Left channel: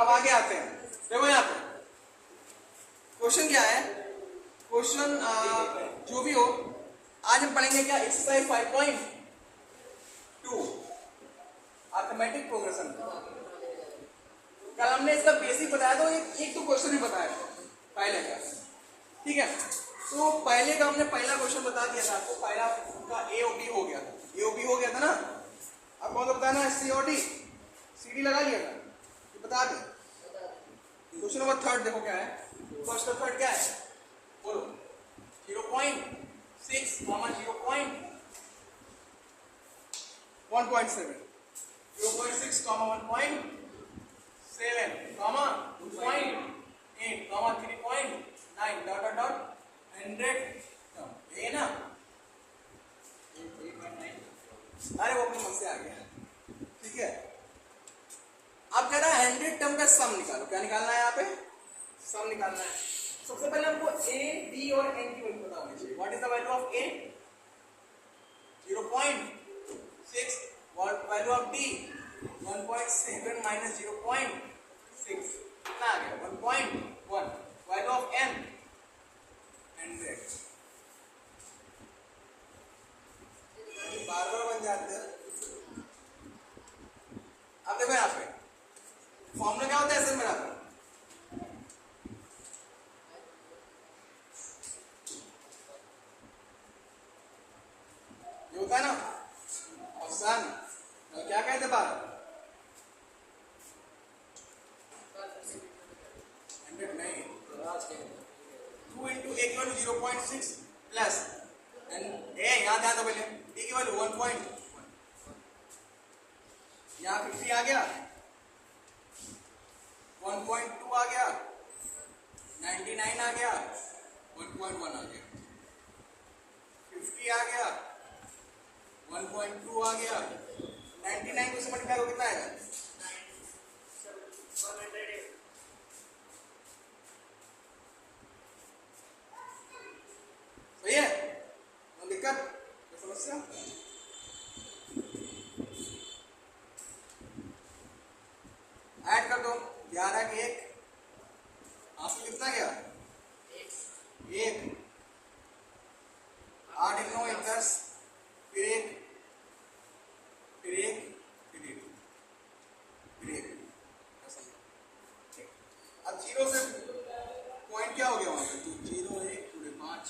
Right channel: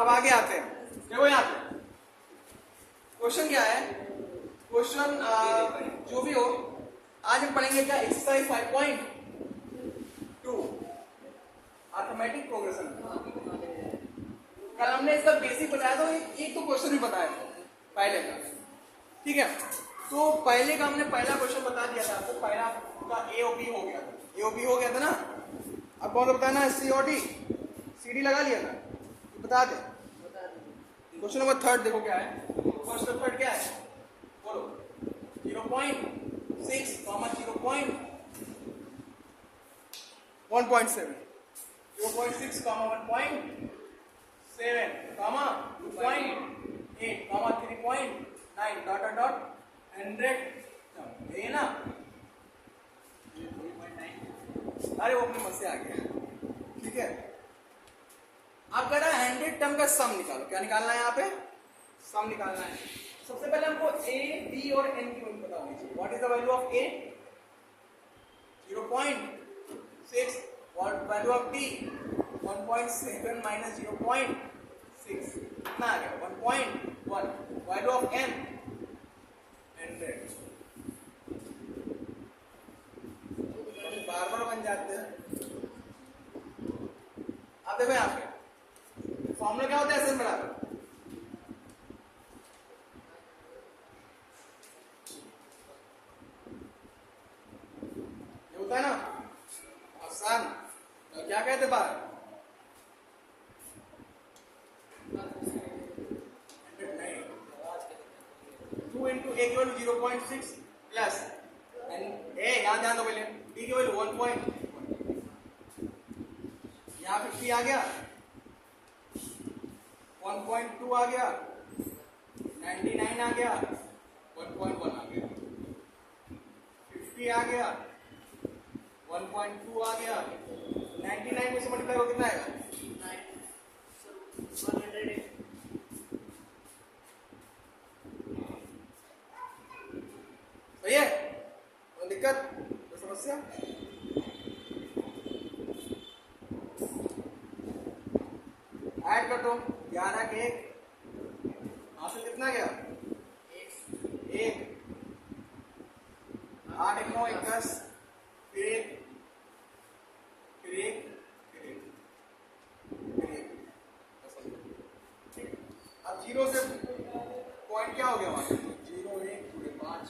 अब आगे आते हैं, देखो यहाँ पे क्वेश्चन क्या है। क्वेश्चन जो भी हो, आज हम पढ़ेंगे क्या, एक्सरसाइज 5.2 अर्थमेटिक प्रोग्रेशन। कल हमने इसका बेसिक बताया था, एक तो क्वेश्चन भी बताया था पहले का, ठीक है। तो पहले का हमने पहला क्वेश्चन बता दिया था आपको, पहला का ए और बी हो गया था, ए और बी हो गया था ना। अब कौन बताया ना, सी और डी, सी डी लगा लिया था, बता दे। क्वेश्चन नंबर थर्ड देखो क्या है, क्वेश्चन थर्ड क्या है बोलो। 0.6 comma 0.1.7, 0.6 comma 1.7 comma 2.8 comma 3.9 dot dot dot 100 ये ना, अरे वो अपने मुझ से आ गया, ठीक है। अब कह रहा है 100 टर्म का सम निकालो। क्या निकालना है यहाँ पे, सम निकालना है। सबसे पहले हमको a, d और n की वैल्यू पता होनी चाहिए। What is the value of a, 0.6, value of d 1.7 minus 0.6 कितना आ गया 1.1, वैल्यू ऑफ n 100। बार बार बन जाते हैं। अब देखो यहाँ पे फॉर्मूला क्या होता है एस एन बराबर, ये होता है ना आसान, क्या कहते हैं बाहर 100 नहीं, 2 इंटू ए की वैल्यू 0.6 प्लस ए यहाँ ध्यान दो पहले, डी की वैल्यू 1.1, यहाँ 50 आ गया, 1.2 आ गया, 99 आ गया, 1.1 आ गया, 50 आ गया, 1.2 आ गया, 99 में से मल्टीप्लाई हो कितना आएगा 100। सही है, कोई दिक्कत, कोई समस्या? ऐड कर दो, 11 के 1 हासिल कितना गया 1, 8 1 9 1 10, फिर 1 फिर 1 फिर 1 फिर 1, अब 0 से पॉइंट क्या हो गया वहां पे, 0 1 पूरे 5,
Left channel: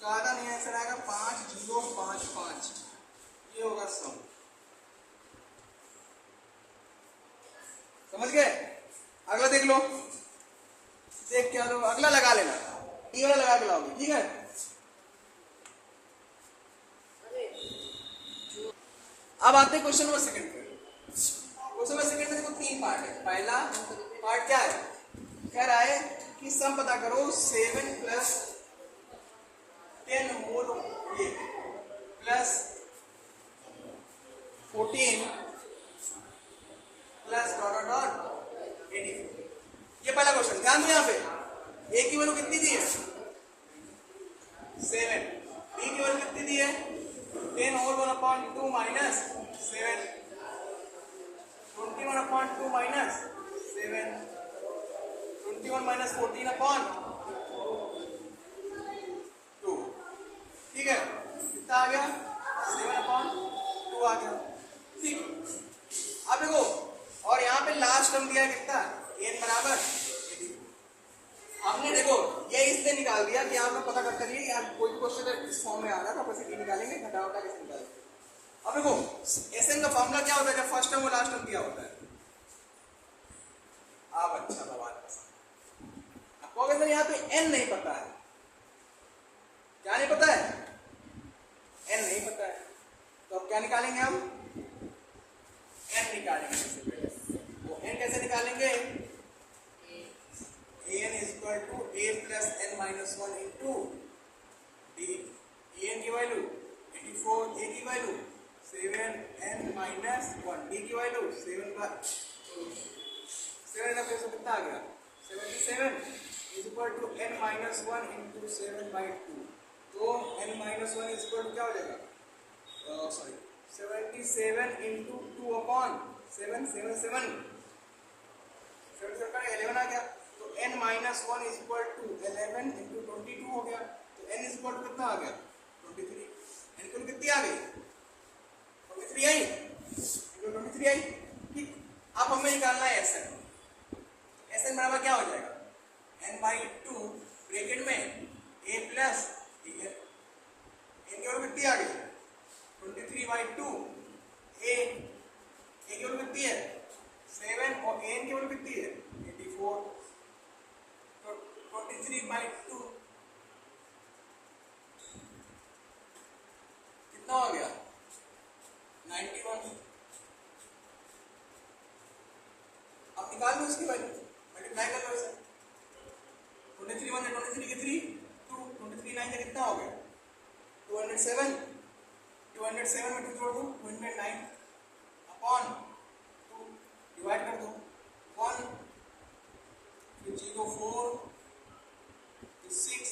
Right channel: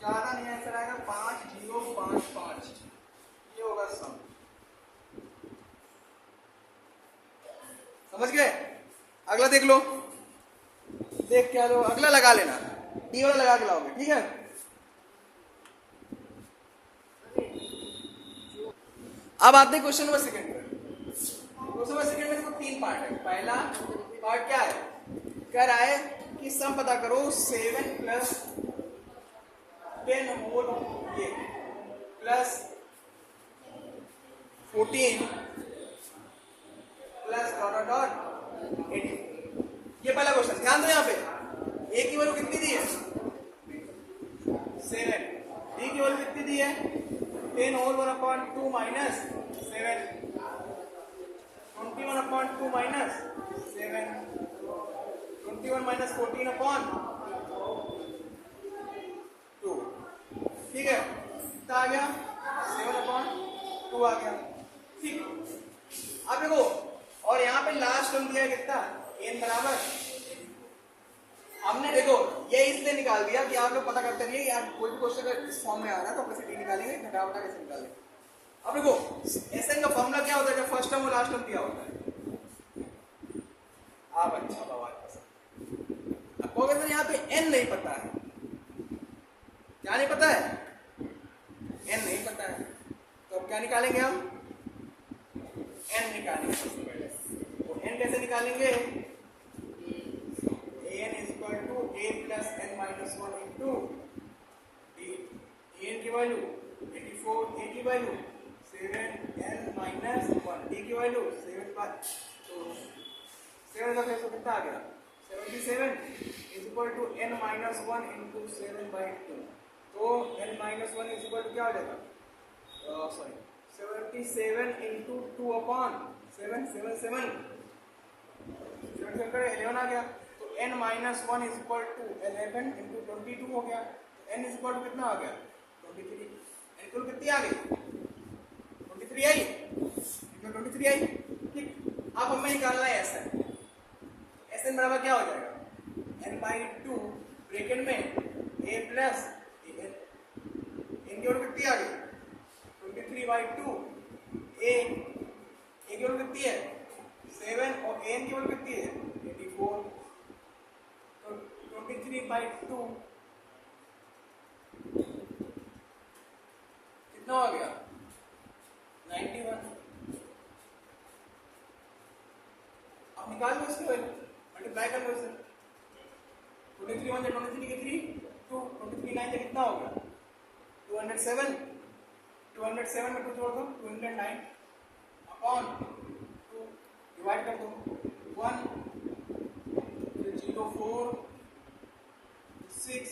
ज्यादा नहीं आंसर आएगा 5 0 5 5, ये होगा सम। समझ गए? अगला देख लो, देख क्या लो, अगला लगा लेना, डी वाला लगा के लाओगे, ठीक है। अब आते हैं क्वेश्चन नंबर सेकंड पर। क्वेश्चन नंबर सेकंड में देखो 3 पार्ट है। पहला पार्ट क्या है, कह रहा है कि सम पता करो 7 प्लस 10 होल ये प्लस 14 प्लस डॉट डॉट 84। ये पहला क्वेश्चन, ध्यान दो यहाँ पे ए की वैल्यू कितनी दी है 7, बी की वैल्यू कितनी दी है 10 होल 1/2 माइनस 7, 21/2 माइनस 7, 21 माइनस 14/2, ठीक है। कितना आ गया 7/2 आ गया, ठीक। अब देखो, और यहाँ पे लास्ट टर्म दिया है कितना n बराबर, हमने देखो ये इसलिए निकाल दिया कि आप लोग पता करते रहिए यार, कोई भी क्वेश्चन इस फॉर्म में आ रहा है तो कैसे डी निकालेंगे, घटा उठा कैसे निकालेंगे। अब देखो एसएन का फॉर्मूला क्या होता है, जब फर्स्ट टर्म और लास्ट टर्म दिया होता है। आप अच्छा बवाल पसंद, अब कहोगे यहाँ पे n नहीं पता है, क्या नहीं पता है, n नहीं पता है, तो अब क्या निकालेंगे हम, n निकालेंगे। तो n कैसे निकालेंगे, an is equal to a plus n minus 1 into an की वैल्यू 84, a की वैल्यू 7n minus 1, d की वैल्यू 7 का 7 का कैसे कितना आ गया 77 is equal to n minus 1 into 7/2। तो n minus 1 is equal to क्या हो जाएगा, सॉरी 77 into 2/7, 7 7 11 आ गया, तो n minus 1 is equal to 11 into 22 हो गया, तो n इज इक्वल टू कितना आ गया 23। n कुल कितनी आ गई 23 आई, इंटू 23 आई। ठीक, अब हमें निकालना है Sn। Sn बराबर क्या हो जाएगा n/2 ब्रैकेट में a प्लस n, n की वैल्यू कितनी आ गई 23/2, a की वैल्यू कितनी है 7 और n की वैल्यू कितनी है 84, तो 23/2 कितना हो गया 91। अब निकाल दो इसकी वैल्यू, मल्टीप्लाई कर लो इसे, 23 1 23 के 3 2, 23 9 से कितना हो गया 207, 207 में 2 जोड़ दो 209 अपॉन 2 डिवाइड कर दो 1 फिर 0 4 6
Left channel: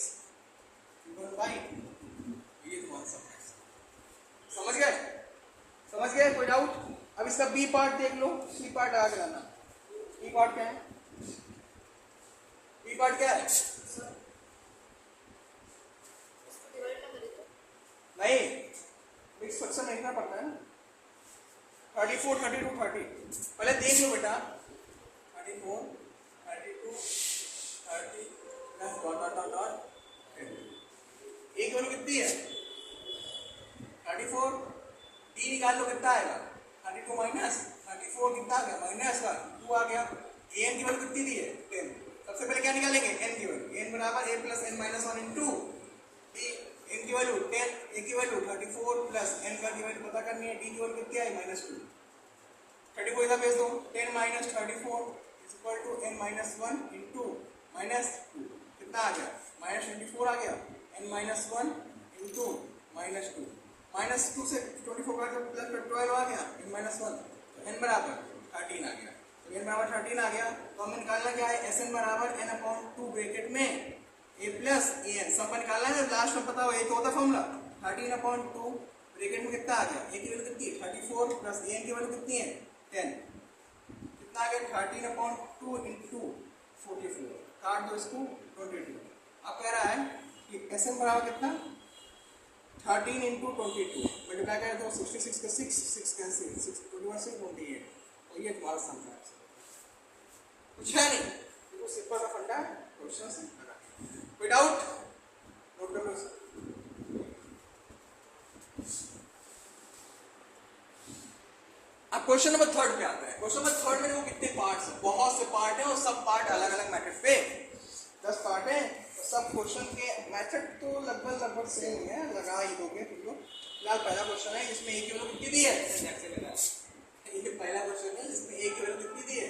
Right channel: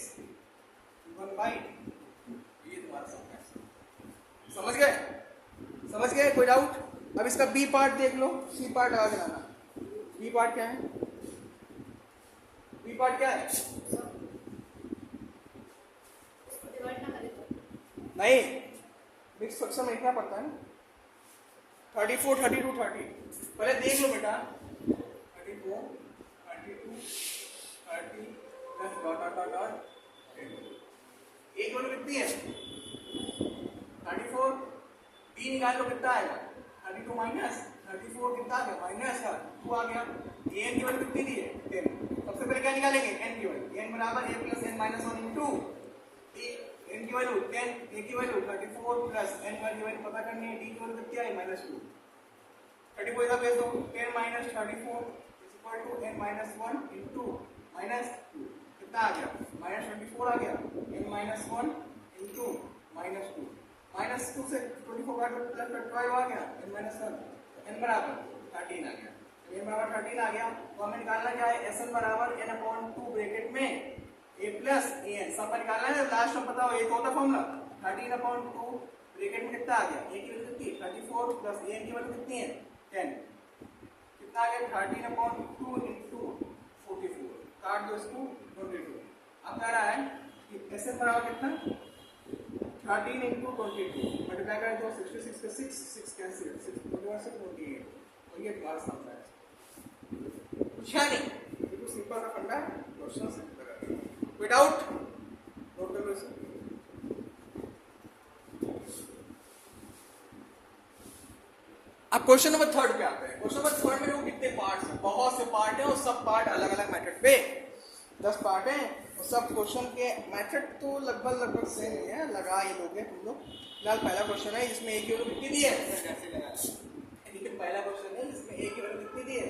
1/2, ये तुम्हारा सब है। समझ गए, समझ गए, कोई डाउट? अब इसका बी पार्ट देख लो, सी पार्ट आ जाना। बी पार्ट क्या है, बी पार्ट क्या है नहीं, मिक्स फ्रैक्शन में लिखना पड़ता है ना, 34 32 30, पहले देख लो बेटा 34 32 30 plus dot dot dot dot, एक वैल्यू कितनी है 34, डी निकाल लो कितना आएगा 32 माइनस 34 कितना आ गया माइनस का 2 आ गया, एन की वैल्यू कितनी दी है 10। सबसे पहले क्या निकालेंगे एन की वैल्यू, एन बराबर a plus n minus 1 into n की वैल्यू 10, ए की वैल्यू 34 प्लस n की वैल्यू पता करनी है, डी की वैल्यू कितनी आई -2, 34 इधर भेज दो 10 minus 34 is equal to n minus 1 into -2 कितना आ गया -24 आ गया, n माइनस 1 इंटू -2, -2 से 24 का प्लस 12 आ गया n माइनस 1, n बराबर 13 आ गया, तो n बराबर 13 आ गया, तो हमें निकालना क्या है Sn बराबर n अपॉन 2 ब्रैकेट में a प्लस an, सब का निकालना है, लास्ट में पता हो एक होता फॉर्मूला 13 अपॉन 2 ब्रैकेट में कितना आ गया, a की वैल्यू कितनी 34 प्लस an की वैल्यू कितनी है 10, कितना आ गया 13 अपॉन 2 इंटू 44, काट दो इसको 22। अब कह रहा है कि Sn बराबर कितना 13 इंटू 22, मल्टीप्लाई कर दो 66 का 6 कैंसिल 6 21 से 28, और ये तुम्हारा सम है, कुछ है नहीं, ये तो सिंपल सा फंडा है, क्वेश्चन सिंपल है, विदाउट नोट कर लो इसको। अब क्वेश्चन नंबर 3 पे आते हैं। क्वेश्चन नंबर 3 में देखो कितने पार्ट्स हैं, बहुत से पार्ट हैं और सब पार्ट अलग अलग मेथड पे, 10 पार्ट हैं और सब क्वेश्चन के मेथड तो लगभग सेम ही है, लगा ही दोगे तुम लोग। फिलहाल पहला क्वेश्चन है जिसमें एक की वैल्यू कितनी दी है, ये पहला क्वेश्चन है जिसमें एक की वैल्यू कितनी दी है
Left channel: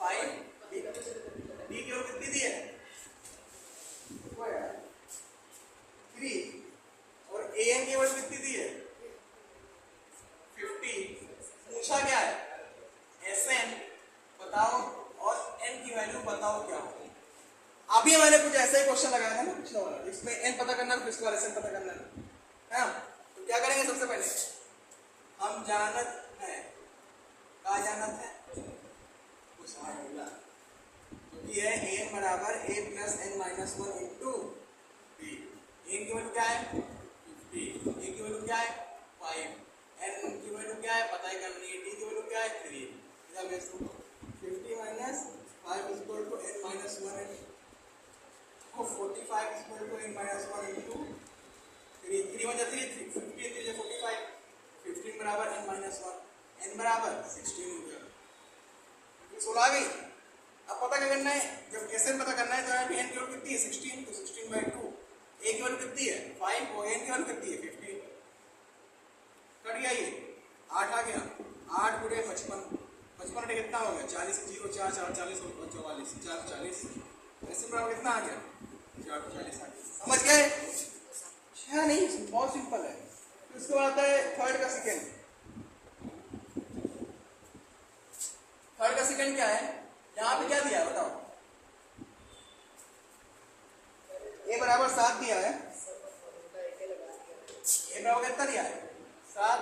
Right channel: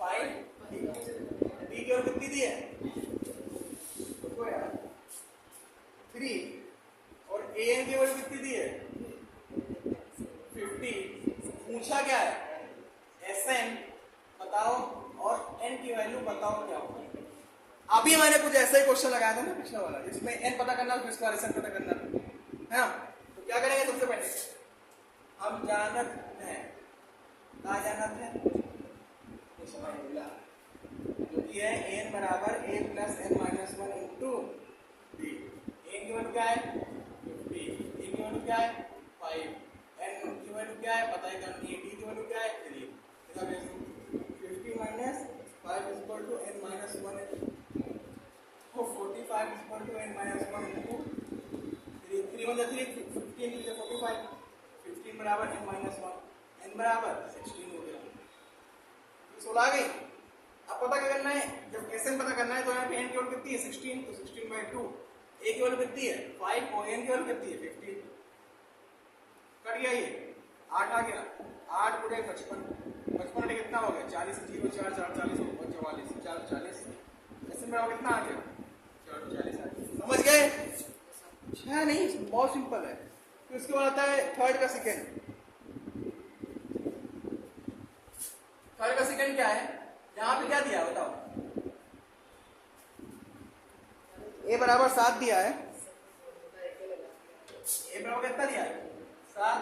5, डी की वैल्यू कितनी दी है 3 और ए की वैल्यू कितनी दी है 50। पूछा क्या है Sn बताओ और n की वैल्यू बताओ क्या होगी। अभी मैंने कुछ ऐसा ही क्वेश्चन लगाया था ना पिछला वाला, जिसमें n पता करना फिर इसका Sn पता करना है ना, तो क्या करेंगे सबसे पहले हम जानत है, क्या जानत है तो समझ मिला, तो ये है n बराबर a plus n minus 1 into b, n की वैल्यू क्या है 50, a की वैल्यू क्या है 5, n की वैल्यू क्या है पता ही करनी है, d की वैल्यू क्या है 3, इधर भेज दो 50 minus 5 is equal to n minus 1 को 45 is equal to n minus 1 into 3, 3 1 3 15 3 45, 15 बराबर n माइनस 1, n बराबर 16 हो गया, 16 आ गई। अब पता क्या करना है, जब Sn पता करना है तो यहाँ पे n की वैल्यू कितनी है 16, तो 16/2, a की वैल्यू कितनी है 5 और n की वैल्यू कितनी है 15, कट गया ये 8 आ गया, 8 गुणे 55, 55 कितना हो गया 40, 0 4 4 40 और 44 4 40, Sn बराबर कितना आ गया 40 आ गया। समझ गए है नहीं, बहुत सिंपल है। फिर उसके बाद आता है थर्ड का सेकंड, थर्ड का सेकंड क्या है, यहाँ पे क्या दिया बताओ, a बराबर 7 दिया है, a बराबर कितना दिया है 7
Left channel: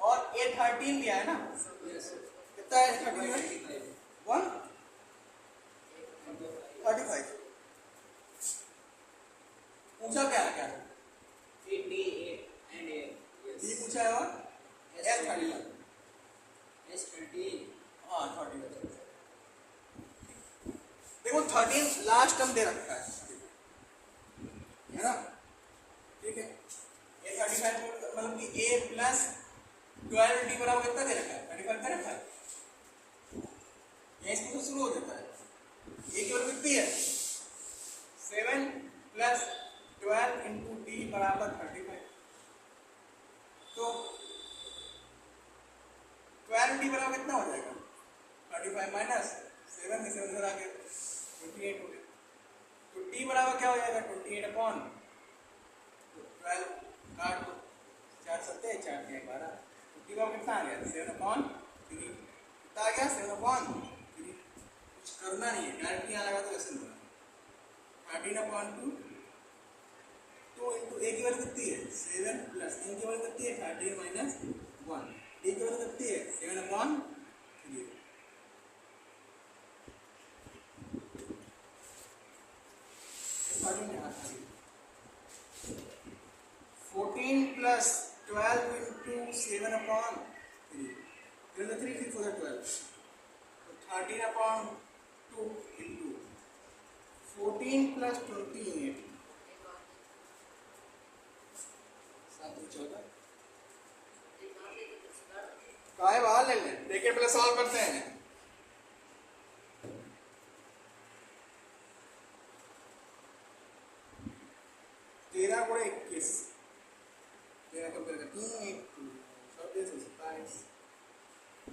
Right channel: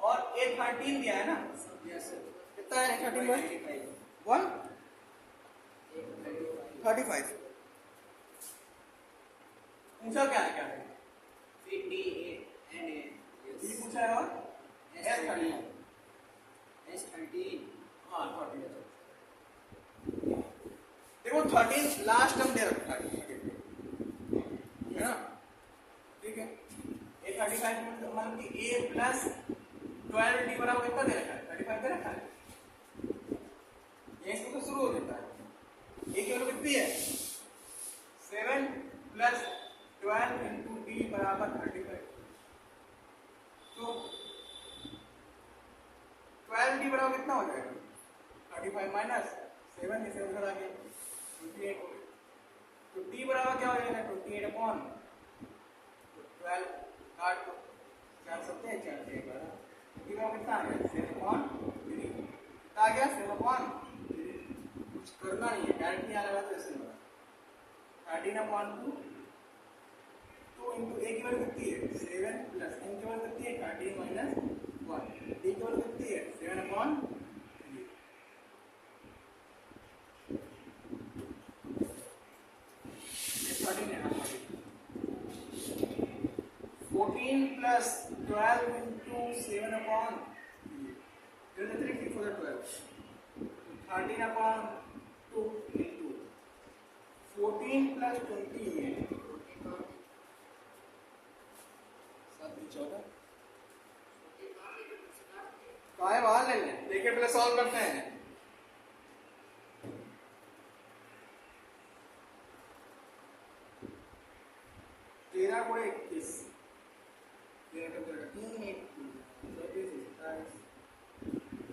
और a 13 दिया है ना, कितना है 13 में 1, 35 पूछा क्या है क्या है? D and A. डी पूछा है और S30 S30. हाँ 30 देखो 13 लास्ट टर्म दे रखा है ना, ठीक है। A35 मतलब कि A प्लस 12 डी बराबर कितना दे रखा है? 35 दे रखा है। ये इसको तो शुरू हो जाता है। A की वैल्यू कितनी है? 7 प्लस 12 इंटू डी बराबर 35। तो 12 डी बराबर कितना हो जाएगा? 35 माइनस 7 में 7 आ गया 28 हो गया। तो डी बराबर क्या हो जाएगा? 28 अपॉन 12 काट दो, 4 सत्ते 4 दिया 12। डी बराबर कितना आ गया? 7 अपॉन 3 कितना आ गया? 7 अपॉन 3। कुछ करना नहीं है, डायरेक्ट यहाँ लगा तो ऐसे होगा 13 अपॉन 2 तो इंटू ए की वैल्यू कितनी है? 7 प्लस एन की वैल्यू कितनी है? 13 माइनस 1 डी की वैल्यू कितनी है? 7 upon 3। 14 plus 12 into 7 upon 3. Here is the 3, 3 for the 12. So 13 upon 2 into 14 plus 28. 14 काय बाहर ले लें, ब्रैकेट पहले सॉल्व करते हैं। 13 को 21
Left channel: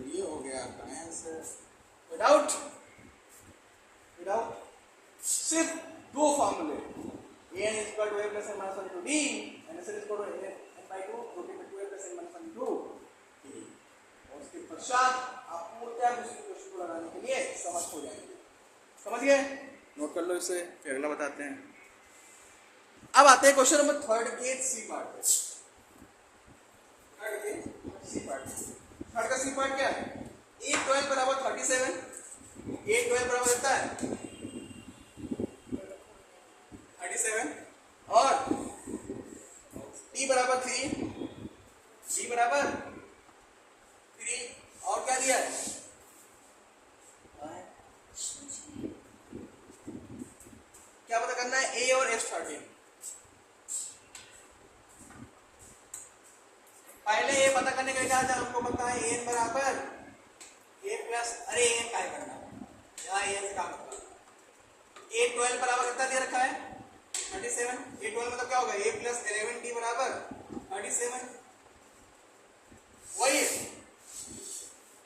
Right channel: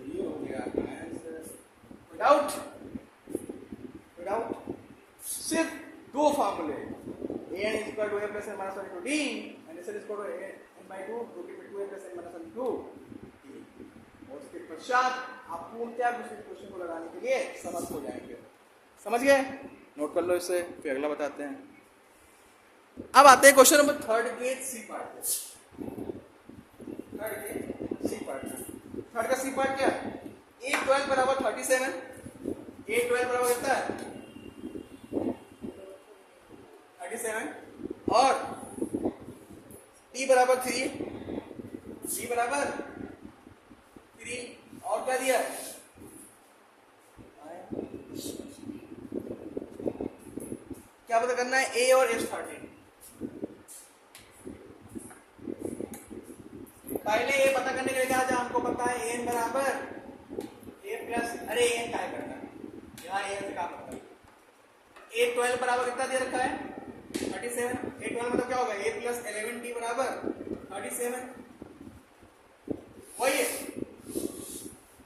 ये हो गया आंसर विदाउट सिर्फ दो फार्मूले an is equal to a plus n minus 1 into d and s is equal to n by 2 2 plus n minus 1 into d। और उसके पश्चात आप पूर्णतः दूसरे क्वेश्चन को लगाने के लिए समर्थ हो जाएंगे। समझ गए? नोट कर लो इसे, फिर अगला बताते हैं। अब आते हैं क्वेश्चन नंबर 3 के सी पार्ट पे। थर्ड का सी पार्ट क्या है? A12 बराबर 37, A12 बराबर कितना है? 37 और T बराबर 3, T बराबर 3 और क्या दिया है? क्या पता करना है? A और S13। पहले ये पता करने के लिए हमको पता है एन बराबर ए प्लस, अरे एन क्या करना है यहाँ, एन से काम करना है। A12 बराबर कितना दे रखा है? 37। A12 मतलब क्या होगा? A प्लस 11 डी बराबर 37 वही है,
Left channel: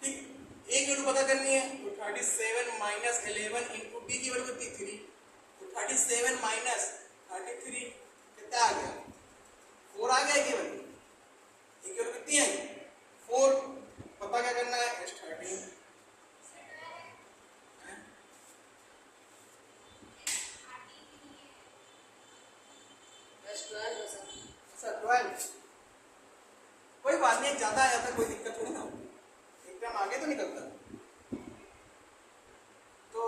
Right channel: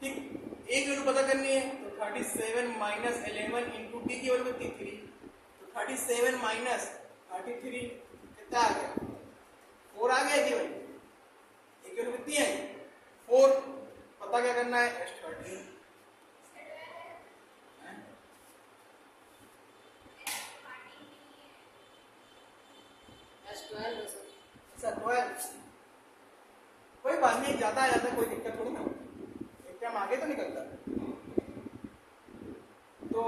ठीक। एक वैल्यू पता करनी है तो 37 माइनस 11 इंटू डी की वैल्यू कितनी? 3। तो 37 माइनस 33 कितना आ गया? 4 आ गया की वैल्यू। एक वैल्यू कितनी है? 4। पता क्या करना है? S13 12। कोई बात नहीं, ज्यादा आ जाता कोई दिक्कत थोड़ी ना, एक टाइम आगे तो निकलता। तो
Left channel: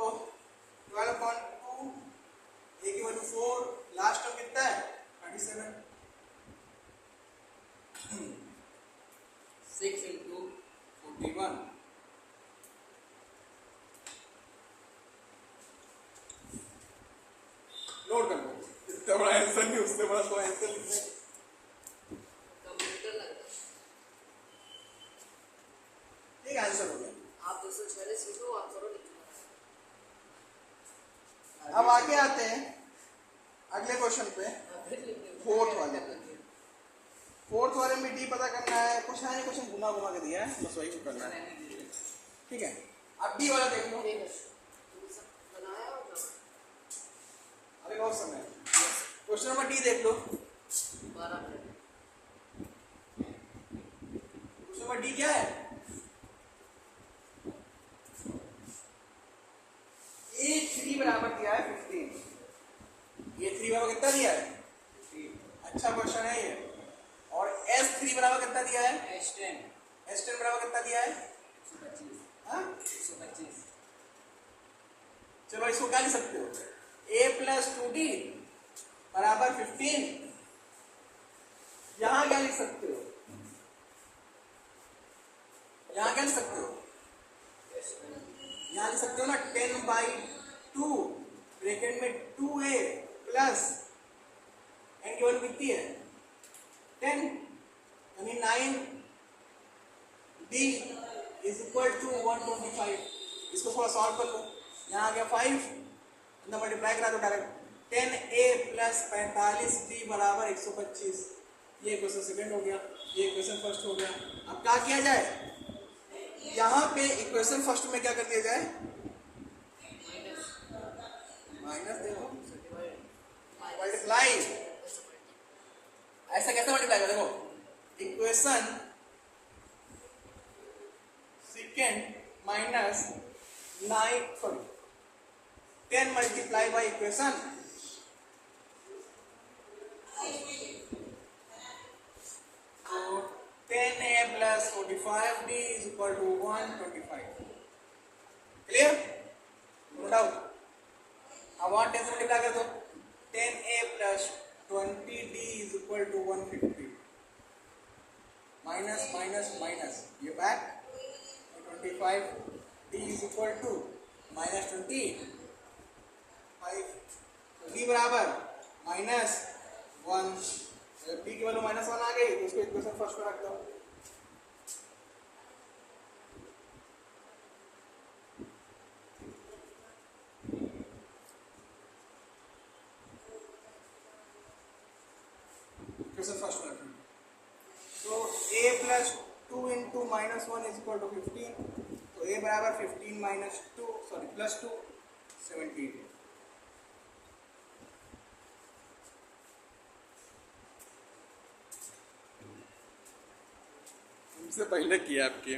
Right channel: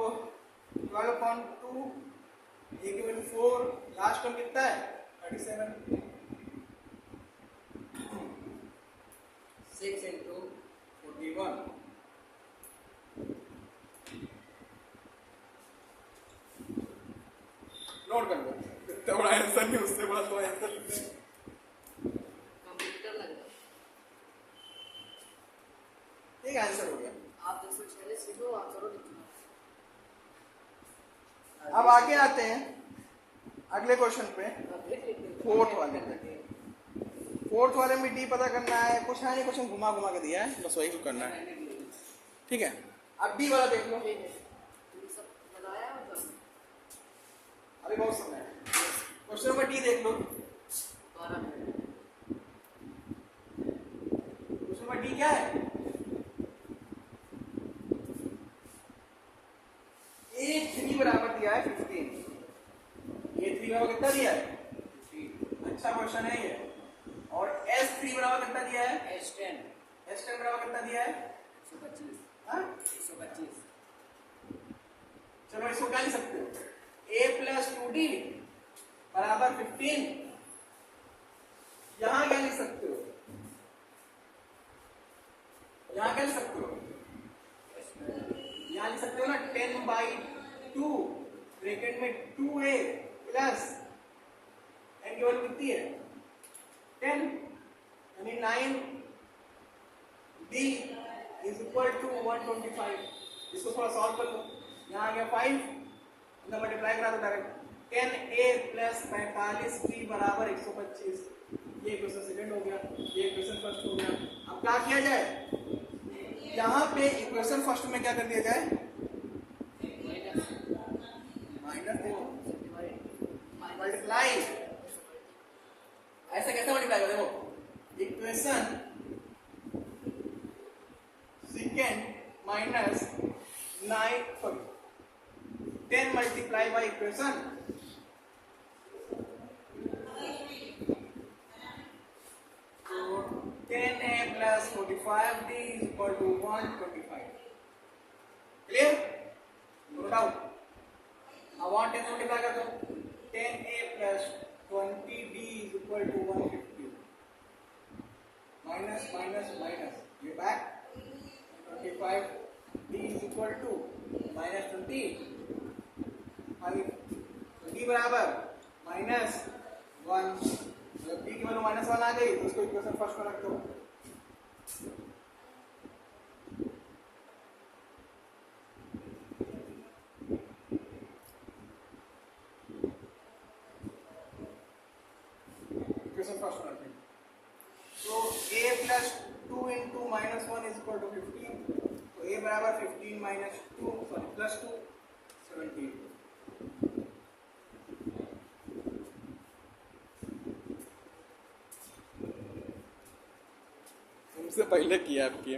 12/2 ए की वैल्यू 4, लास्ट टर्म कितना है? 37 6 into 41। नोट कर लो, इतना बड़ा आंसर नहीं, उससे बड़ा कोई आंसर लिखते हैं। कंप्यूटर लग रहा है। ठीक आंसर हो गया। आप 246 लिखो, आप करो लिखो। अब आगे आते हैं अगले क्वेश्चन पे, फोर्थ वाले पे। फोर्थ वाले में डी पता करना है। कुछ है नहीं, क्वेश्चन घुमा घुमा के दिया है, बस वही करना है, ठीक है। अब डी वाला देख लो। अरे बहुत समय है। क्वेश्चन नंबर डी देख लो। 12 मिनट। क्वेश्चन नंबर डी क्या है? A3 बराबर दिया है 15। A3 बराबर कितना दिया है? अच्छा क्वेश्चन है ये। और S3 बराबर कितना दिया है? S10 बराबर कितना दिया है? 125। हाँ 125। चलो इसको क्या लिख सकते हो? प्लस 2d बराबर 15। यहां क्या लिख सकते हो, यहां क्या लिख सकते हो, यहां लिख सकते हो ना 10/2 ब्रैकेट में 2a प्लस n की वैल्यू कितनी है 10, यानी 9d इज इक्वल टू 125। इसको थोड़ा सॉल्व कर लो, यहाँ आ गया 5, अंदर मल्टीप्लाई करा दो डायरेक्ट, 10a प्लस 45d बराबर 125। ये इक्वेशन सेकंड हो गया, ये इक्वेशन फर्स्ट हो गया। अब क्या किया जाए, यहाँ पे इक्वेशन फर्स्ट में क्या कर दिया जाए, माइनस दो मल्टीप्लाई। ऐसा कैसे मल्टीप्लाई करें, देखो equation second minus 10 multiply by equation तो 10a plus 45d is equal to 125। Clear, no doubt. अब 10 से मल्टीप्लाई कर दो, 10a plus 20d is equal to 150 minus minus minus ये back 25d is equal to minus 25, तो d बराबर minus 1। जब d की वैल्यू माइनस 1 आ गई तो उसको इक्वेशन फर्स्ट में रख दो। इक्वेशन फर्स्ट में रखेंगे तो a plus 2 into minus 1 is equal to 15, तो a बराबर 15 माइनस 2 सॉरी प्लस 2 17। तुमसे पहले किया आपके